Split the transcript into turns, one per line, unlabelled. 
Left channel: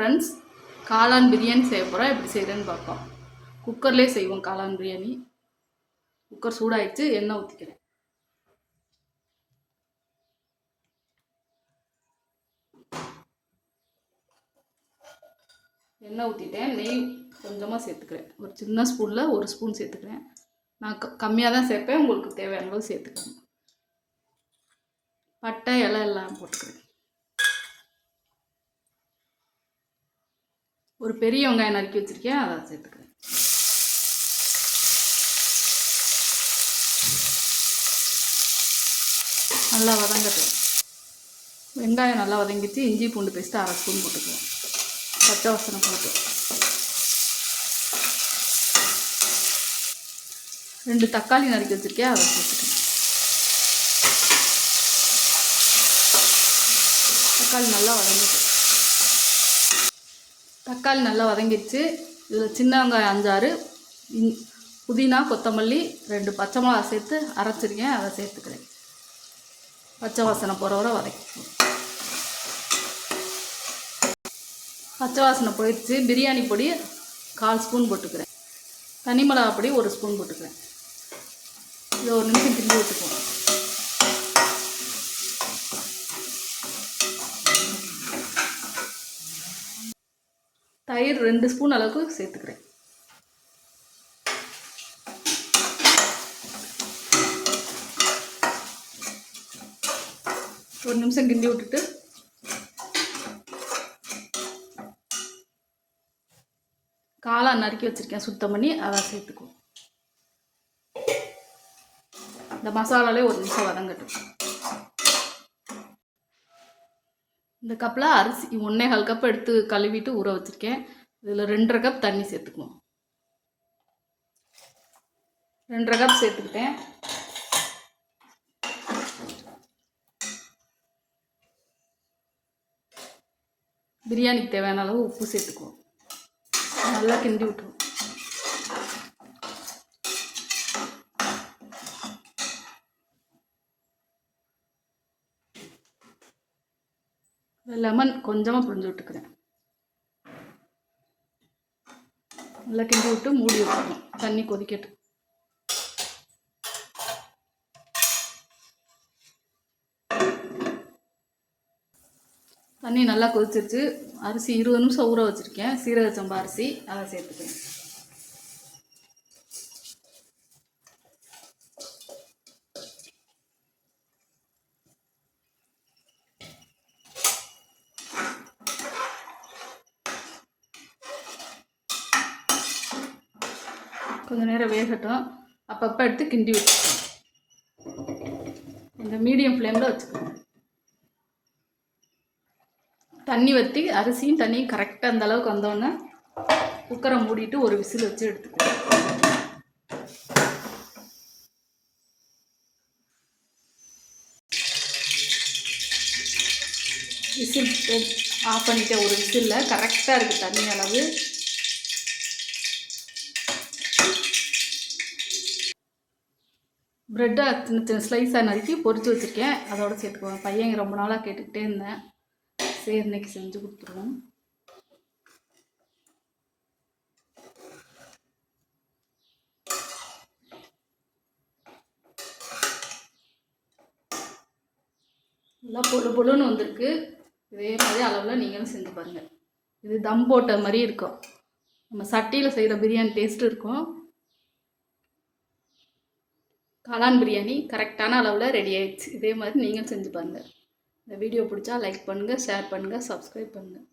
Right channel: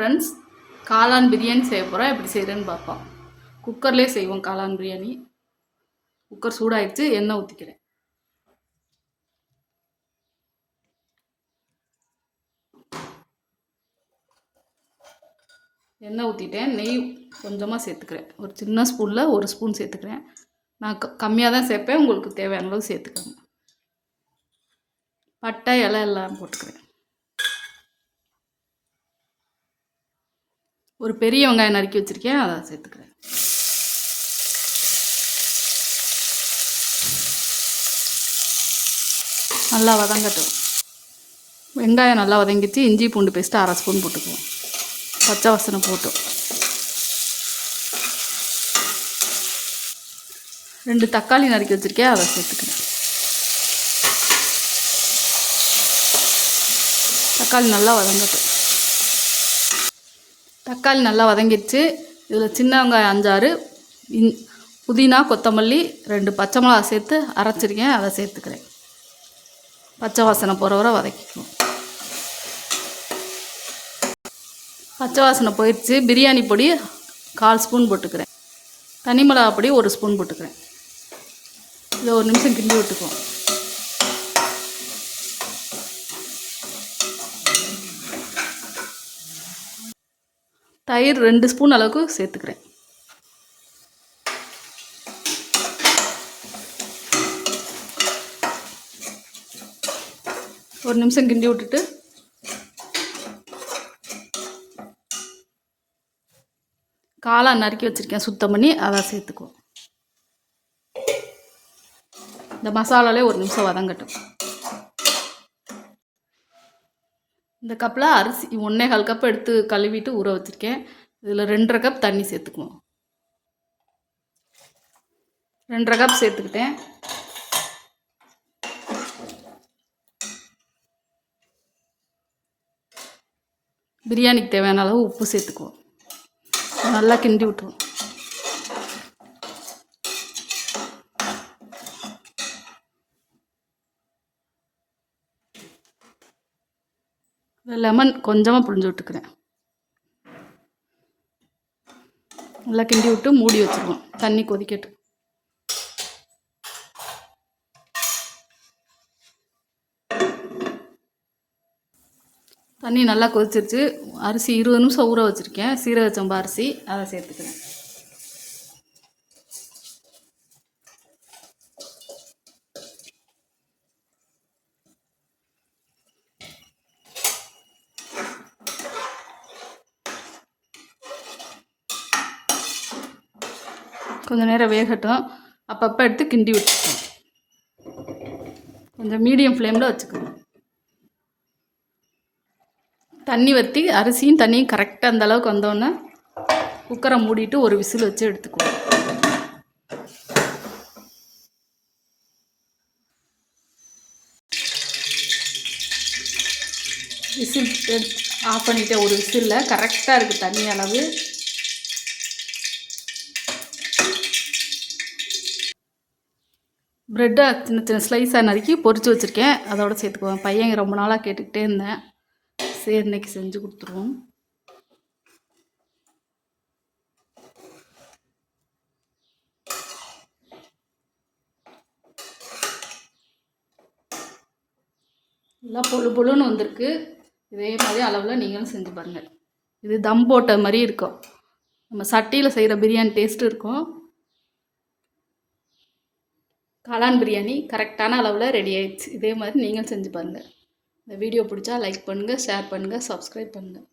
Friends காளான் பிரியாணி செய்ய போகிறோம் எப்படி செய்கிறேன்னு பார்ப்போம் குக்கர்லேயே செய்வோம் காளான் பிரியாணி. குக்கர் சூடாயிடுச்சு எண்ணெய் ஊற்றிக்கிறேன் எண்ணெய் ஊற்றிட்டேன் நெய் கொஞ்சமாக சேர்த்துக்கிறேன். ஒரு சின்ன ஸ்பூனில் ஒரு ஸ்பூன் சேர்த்துக்கிறேன். நான் க கம்மியாக தான் சேர்ப்பேன் உங்களுக்கு தேவையான அளவு சேர்த்துக்கோங்க. பட்டை இலை எல்லாம் போட்டுக்கிறேன். ஒரு பெரிய வெங்காயம் நறுக்கி வச்சுருக்கேன் அதை சேர்த்துக்கிறேன். நல்லா வதங்கட்டும். வெங்காயம் நல்லா வதங்கிச்சு இஞ்சி பூண்டு பேஸ்ட்டு அரை ஸ்பூன் போட்டுக்குவோம் பச்சை வசனம் போட்டு ரெண்டு தக்காளி நறுக்கி வச்சுருக்கேன் அதை சேர்த்துக்கிறேன். தக்காளி நல்லா வதங்கட்டும். தக்காளி நல்லா வதங்கிடுச்சு. இதில் சின்ன வெங்காயம் அஞ்சாறு இன் புதினா கொத்தமல்லி ரெண்டு பச்சை மிளகா சேர்த்து அரைச்சிருக்கேன். அதை சேர்த்துக்கிறேன். பச்சை வாசனை போகிற வரை வதக்கிக்கணும். பச்சை வாசனை போயிடுச்சு. பிரியாணி பொடி கால் ஸ்பூன் போட்டுக்கிறேன். தனி மிளகா பொடி ஒரு ஸ்பூன் போட்டுக்கிறேன். இது ஒரு நிமிஷம் கிண்டி விட்டுக்குவோம். தயிர் ரெண்டு ஸ்பூன் அளவுக்கு சேர்த்துக்கிறேன். ஒரு நிமிஷம் கிண்டி விட்டுட்டு. காளான் நறுக்கி வச்சுருக்கேன் சுத்தம் பண்ணி அதை சேர்த்துக்குவோம். இந்த மசாலாலே ஒரு நிமிஷம் வதங்கட்டும். இந்த கப்பில் அரிசி ஒன்றே கால் கப் எடுத்து கழுவிட்டு ஊற வச்சுருக்கேன். இதில் ரெண்டரை கப் தண்ணி சேர்த்துக்குவோம் ரெண்டரை கப் சேர்த்துக்கிட்டேன். பிரியாணிக்கு தேவையான அளவு உப்பு சேர்த்துக்குவோம். நல்லா கிண்டி விட்டுருவோம். லெமன் கொஞ்சமாக புழிஞ்சு விட்டுக்கிறேன். நல்லா கிண்டி விட்டு மூடி வச்சுருவோம் தண்ணி கொதிக்கட்டும். தண்ணி நல்லா கொதிச்சிருச்சு. அரிசி இருபது நிமிஷம் ஊற வச்சுருக்கேன். சீரக சம்பா அரிசி அதை சேர்த்துக்கிறேன். கொஞ்சம் நேரம் வேகட்டும். அப்பப்போ எடுத்து கிண்டி வச்சுக்கணும் கொஞ்சம் மீடியம் ஃப்ளேமில் வச்சுக்கணும். தண்ணி வற்றி அரிசியும் தண்ணியும் கரெக்டாக அந்த அளவுக்கு வந்தோடனே குக்கரை மூடிட்டு ஒரு விசில் வச்சு எடுத்துக்குவோம் விசில் ஆஃப் பண்ணிட்டேன் ஒரு விசிலில் கரெக்டாக இருக்குது தண்ணி அளவு. ப்ரெட்டை சின்ன சின்ன ஸ்லைஸாக நறுக்கி பொறிச்சு வச்சுருக்கேன். அதோட சேர்த்துக்குவேன் பையன் ரொம்ப நாளாக கேட்டுக்கிட்டே இருந்தேன். சரி இன்னைக்கு செஞ்சு கொடுத்துருவோம். நல்லா பொழு பொழுன்னு வந்திருக்கு. இதே மாதிரி அளவில் நீங்களும் செஞ்சு பாருங்கள் இது தம் போட்ட மாதிரி இருக்கும். நம்ம சட்டியில் செய்கிற பிரியாணி டேஸ்ட்டு இருக்கும். காளான் பிரியாணி கரெக்டான அளவில் ரெடி ஆயிடுச்சு. இதே மாதிரி நீங்களும் செஞ்சு பாருங்கள் இந்த வீடியோ பிடிச்சா லைக் பண்ணுங்கள் ஷேர் பண்ணுங்கள் சப்ஸ்கிரைப் பண்ணுங்கள்